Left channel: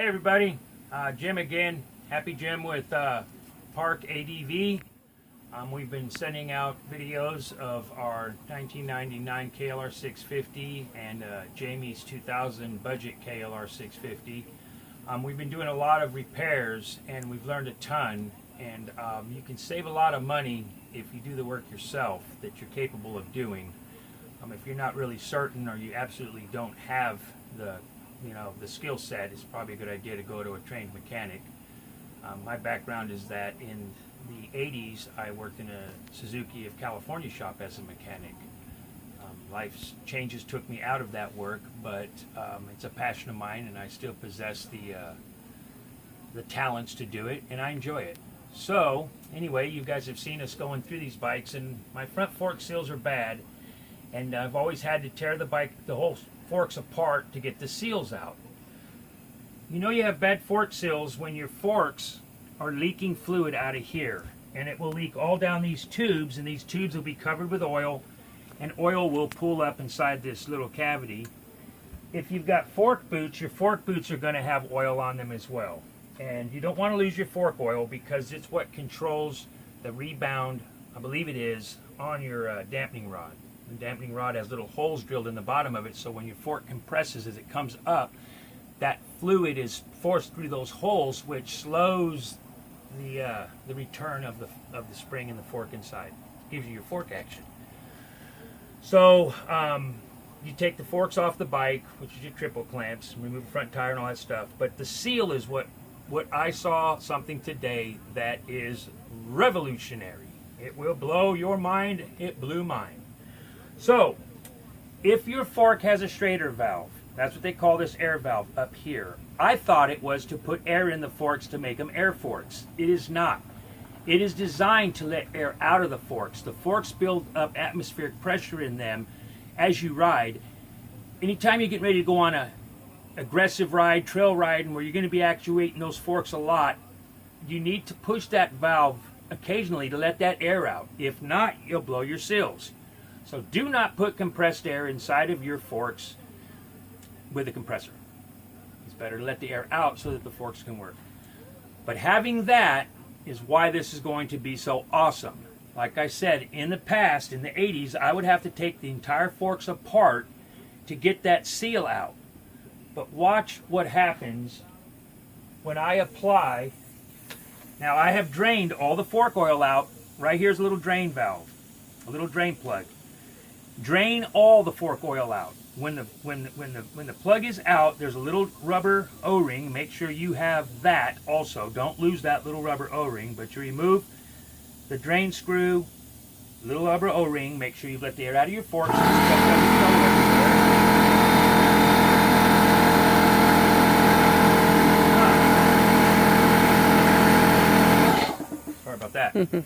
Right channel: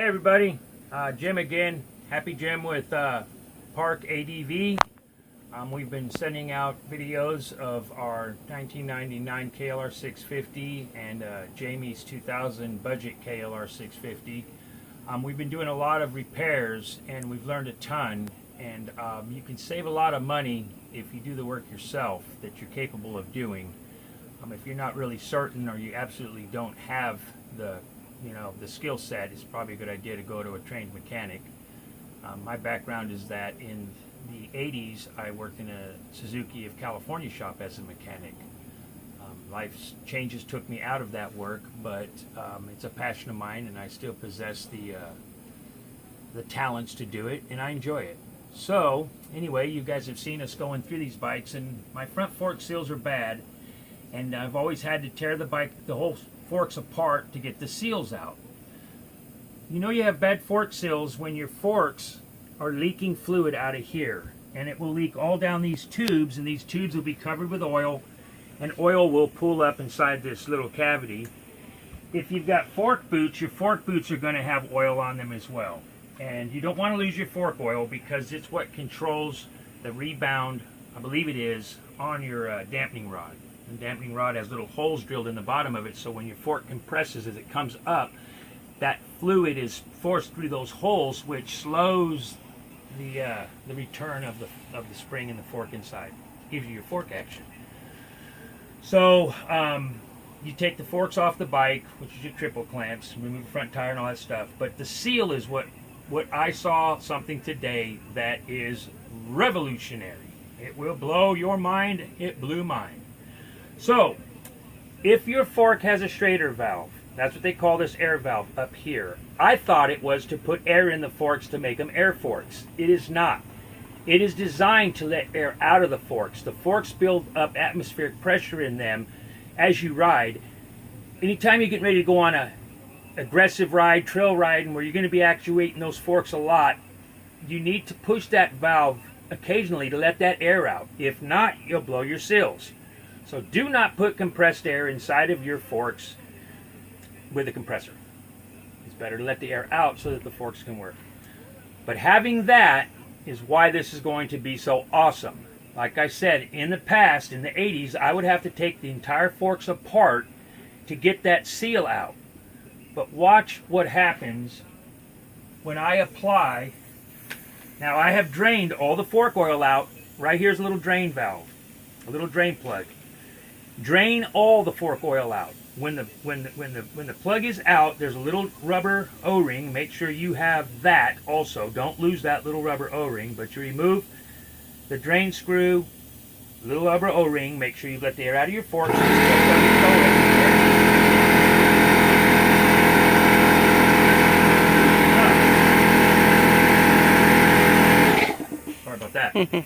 Hey everybody, Jim again. Happy Jim with Park ADV. We've been sending out videos of our 1999 KLR 650 and Jamie's 2000 budget KLR 650. We've been doing a lot of repairs and we've learned a ton, and you can save a lot of money if you do the work yourself that you're capable of doing. If you're not really certain or you absolutely don't have the skill set, it's probably a good idea to go to a trained mechanic. My background is that in the 80s I worked in a Suzuki of California shop as a mechanic. Life's changes took me out of that work, but it's a passion of mine and I still possess the talents to do it, and I enjoy it. So anyway, you guys have seen us going through these bikes, and my front fork seals are bad, and I've always had to tear the whole forks apart to get the seals out. You know you have bad fork seals when your forks are leaking fluid out of here, and it will leak all down these tubes, and these tubes will be covered with oil, and oil will pool up inside this little cavity. If you've got fork boots, your fork boots are going to have oil on them as well, and you don't want to lose your fork oil because it's what controls the rebound, I believe it is, on your dampening rod. The dampening rod has little holes drilled in the bottom of it, so when your fork compresses as it comes up, that fluid is forced through those holes, which slows the return of the spring in the fork inside. Gives you your fork action. So you take the forks off the bike, which is your triple clamps, remove the front tire and all that stuff. But the seal is what I saw something today that is revolutionary. It will blow your mind. It blew mine. So, if your fork has a Schrader valve, that's what they call this air valve up here. I thought it was to put air in the forks to make them air forks. It is not. It is designed to let air out of the forks. The forks build up atmospheric pressure in them as you ride. Anytime you get ready to go on a aggressive ride, trail riding, where you're going to be actuating those forks a lot, you need to push that valve occasionally to let that air out. If not, you'll blow your seals. So do not put compressed air inside of your forks with a compressor. It's better to let the air out so that the forks can work. But having that is why this is going to be so awesome. Like I said, in the past, in the 80s, I would have to take the entire forks apart to get that seal out. But watch what happens when I apply. Now I have drained all the fork oil out. Right here's a little drain valve, a little drain plug. Drain all the fork oil out. When the plug is out, there's a little rubber O-ring. Make sure you have that also. Don't lose that little rubber O-ring. But you remove the drain screw, little rubber O-ring. Make sure you let the air out of your forks. Sorry about that.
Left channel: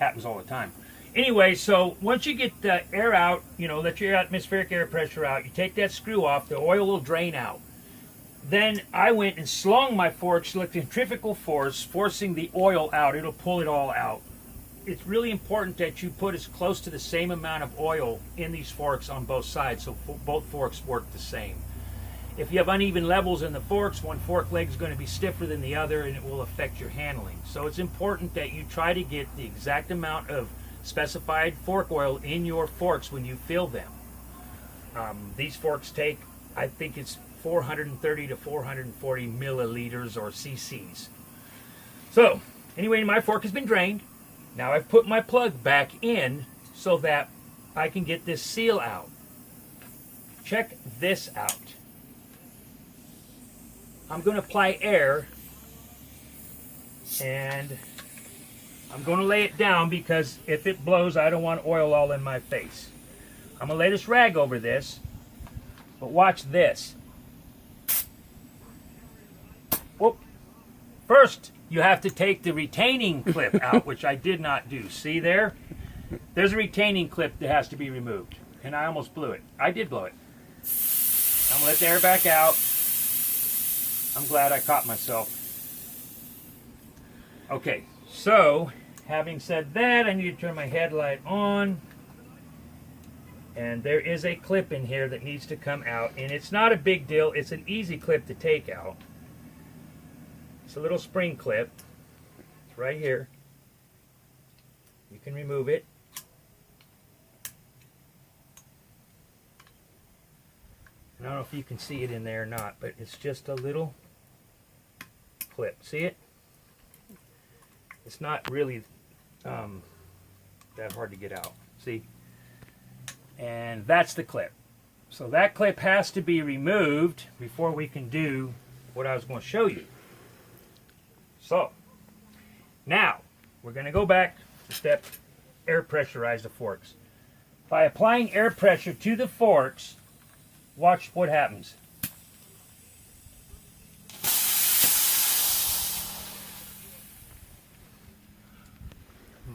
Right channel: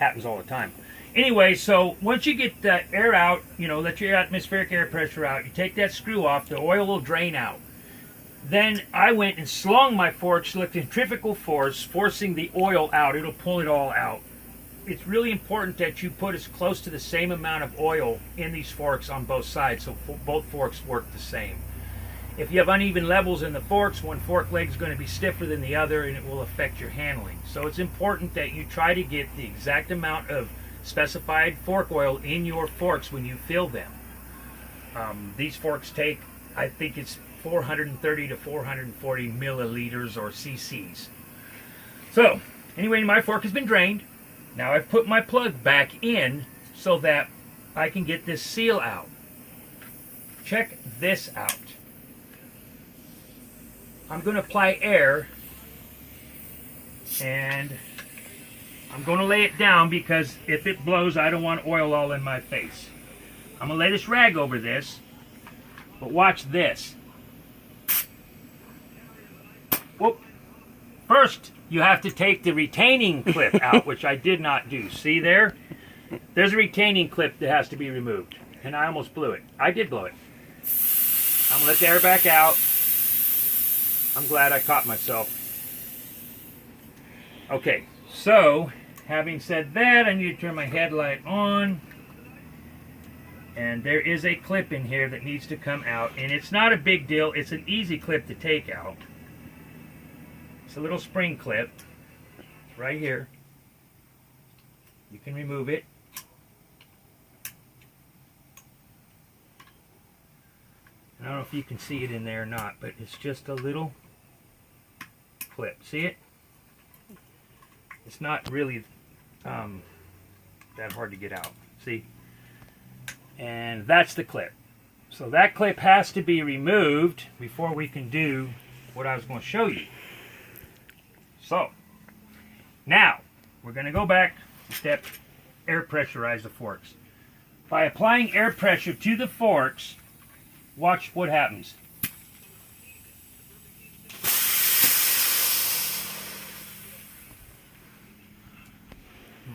Happens all the time. Anyway, so once you get the air out, let your atmospheric air pressure out, you take that screw off, the oil will drain out. Then I went and slung my forks with centrifugal force, forcing the oil out. It'll pull it all out. It's really important that you put as close to the same amount of oil in these forks on both sides, so both forks work the same. If you have uneven levels in the forks, one fork leg is going to be stiffer than the other, and it will affect your handling. So it's important that you try to get the exact amount of specified fork oil in your forks when you fill them. These forks take, I think it's 430 to 440 milliliters or cc's. So anyway, my fork has been drained. Now I've put my plug back in so that I can get this seal out. Check this out. I'm going to apply air, and I'm going to lay it down because if it blows, I don't want oil all in my face. I'm going to lay this rag over this, but watch this. Whoop. First, you have to take the retaining clip out, which I did not do. See there? There's a retaining clip that has to be removed, and I almost blew it. I did blow it. I'm going to let the air back out. I'm glad I caught myself. Okay, so having said that, I need to turn my headlight on. And there is a clip in here that needs to come out. And it's not a big deal. It's an easy clip to take out. It's a little spring clip. It's right here. You can remove it. I don't know if you can see it in there or not, but it's just a little clip. See it? It's not really that hard to get out. See? And that's the clip. So that clip has to be removed before we can do what I was going to show you. So, now, we're going to go back to step air pressurize the forks. By applying air pressure to the forks, watch what happens.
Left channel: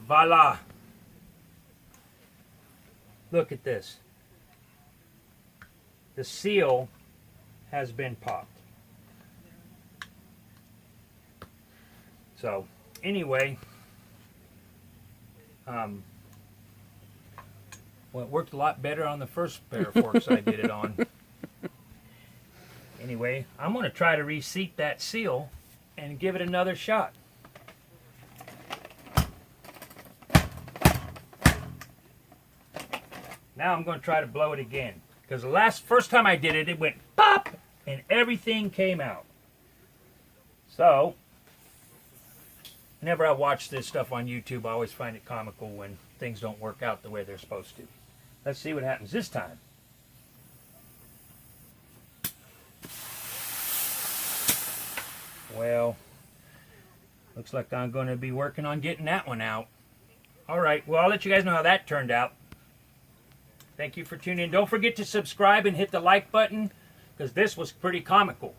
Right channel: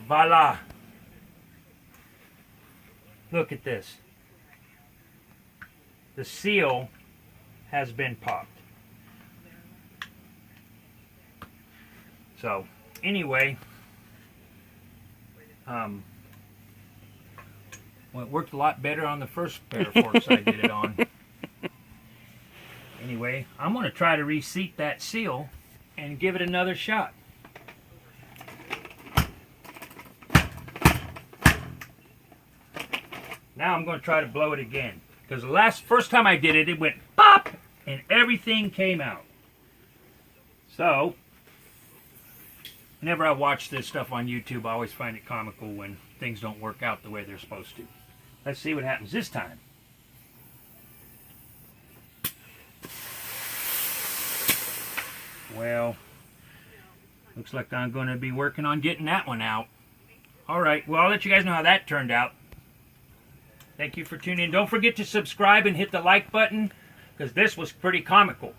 Voila! Look at this. The seal has been popped. So, anyway, well, it worked a lot better on the first pair of forks I did it on. Anyway, I'm going to try to reseat that seal and give it another shot. Now I'm going to try to blow it again. Because the first time I did it, it went pop! And everything came out. So, whenever I watch this stuff on YouTube, I always find it comical when things don't work out the way they're supposed to. Let's see what happens this time. Well, looks like I'm going to be working on getting that one out. Alright, well, I'll let you guys know how that turned out. Thank you for tuning in. Don't forget to subscribe and hit the like button, because this was pretty comical.